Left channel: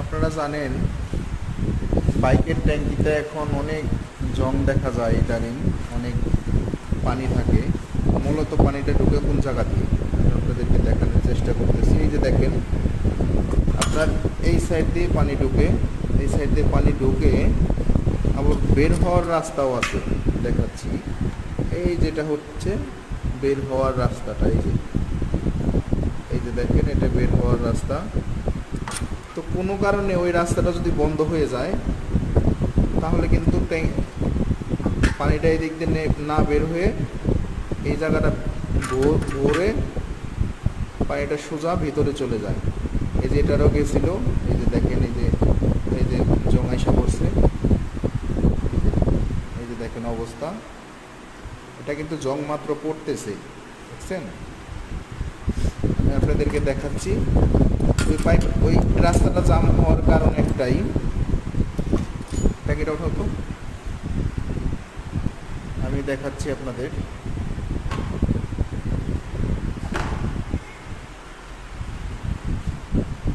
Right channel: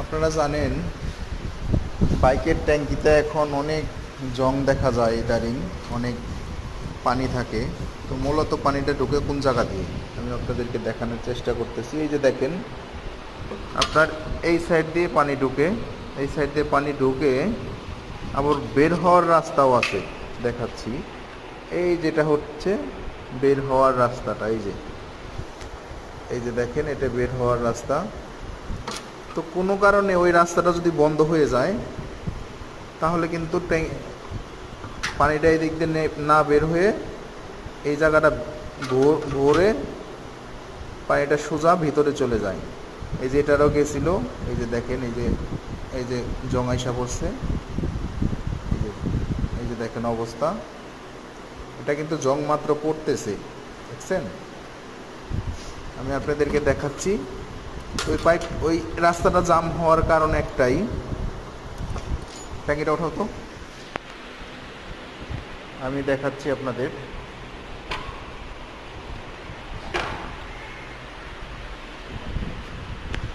আপনারা জানেন বাইকের ট্যাঙ্কিতে এখন অনেক জং দেখা যায়, ইদারিং অনেক পানি থাকে। মূলত পানিটা ঢুকে কোন জায়গা দিয়ে আমি আপনাদেরকে দেখানোর চেষ্টা করতেছি। এই যে দেখেন, আপনার এই সাইড দিয়ে পানি ঢুকে, এই সাইড দিয়ে পানি ঢুকে আবার বের হওয়ার রাস্তাও আছে, দেখাচ্ছি। এই যেটা হচ্ছে বের হওয়ার রাস্তাটা, এই যে দেখেন, এটা বের হওয়ার রাস্তা। তো কোনো কারণে ওই রাস্তাটা যদি বন্ধ হয়ে যায় তাহলে কিন্তু পানিটা এই দিক দিয়ে না বের হয়ে এই জায়গাটা ভরে পানিটা সোজা ভিতরে চলে যায়। এই যে এটারও গেছিল, এই যে দেখেন, এই যে জঙাইসা পড়ছে, এই যে দেখেন অবস্থা। এটা কিন্তু জং মাত্র পড়তেছে, দেখছেন। আমি আপনাদেরকে দেখাচ্ছি। ওই রাস্তাটা জাম হওয়ার কারণ একটাই, ট্যাঙ্কিটা ওঠাও তো, আমি দেখাচ্ছি আপনাদের।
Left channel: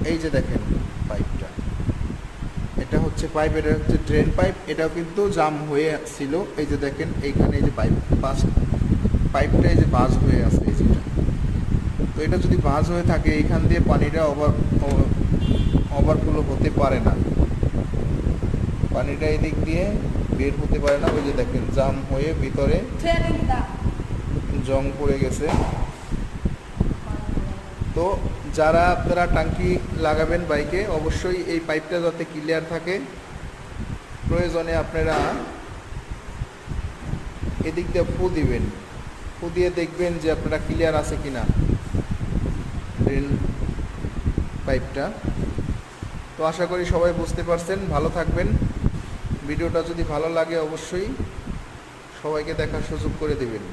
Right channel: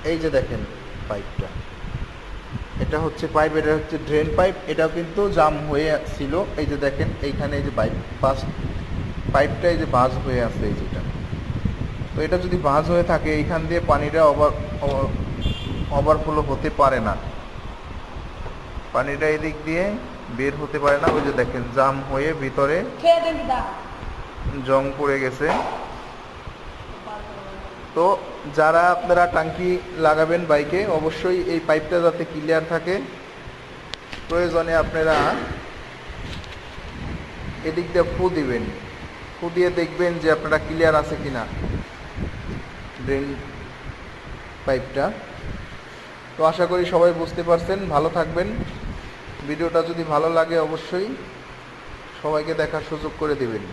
এই যে দেখেন পাইপটা, এটা হচ্ছে পাইপ, এটা হচ্ছে ড্রেন পাইপ। এটাও কিন্তু জাম হয়ে ছিল। এই যে দেখেন এইখানে এই যে পাইপটা এই যে বাজ হয়ে আছে, এই যেটা। তো এটা যদি বাজ হয়ে থাকে, এইখান দিয়ে পানিটা ওভারফ্লো হতে পারে না, পানিটা এদিক দিয়ে বের হতে পারে না। ওই যে দেখেন জাম হয়ে ভিতরে জং পড়ে গেছে। তো যারা আপনারা ট্যাঙ্কি লাগাবেন বাইকে, অবশ্যই এই পাইপটা যাতে ক্লিয়ার থাকে। প্রয়োজনে আপনারা এদিক দিয়ে ফু দিবেন, ফু দিয়ে দেখবেন যে আপনারা ক্লিয়ার আছে কিনা ড্রেন পাইপটা। তো আশা করি সবাই বুঝতে পারছেন। ভালো থাকবেন। ভিডিওটা যদি ভালো লাগে অবশ্যই সবাইকে দেখার সুযোগ করে দেবেন।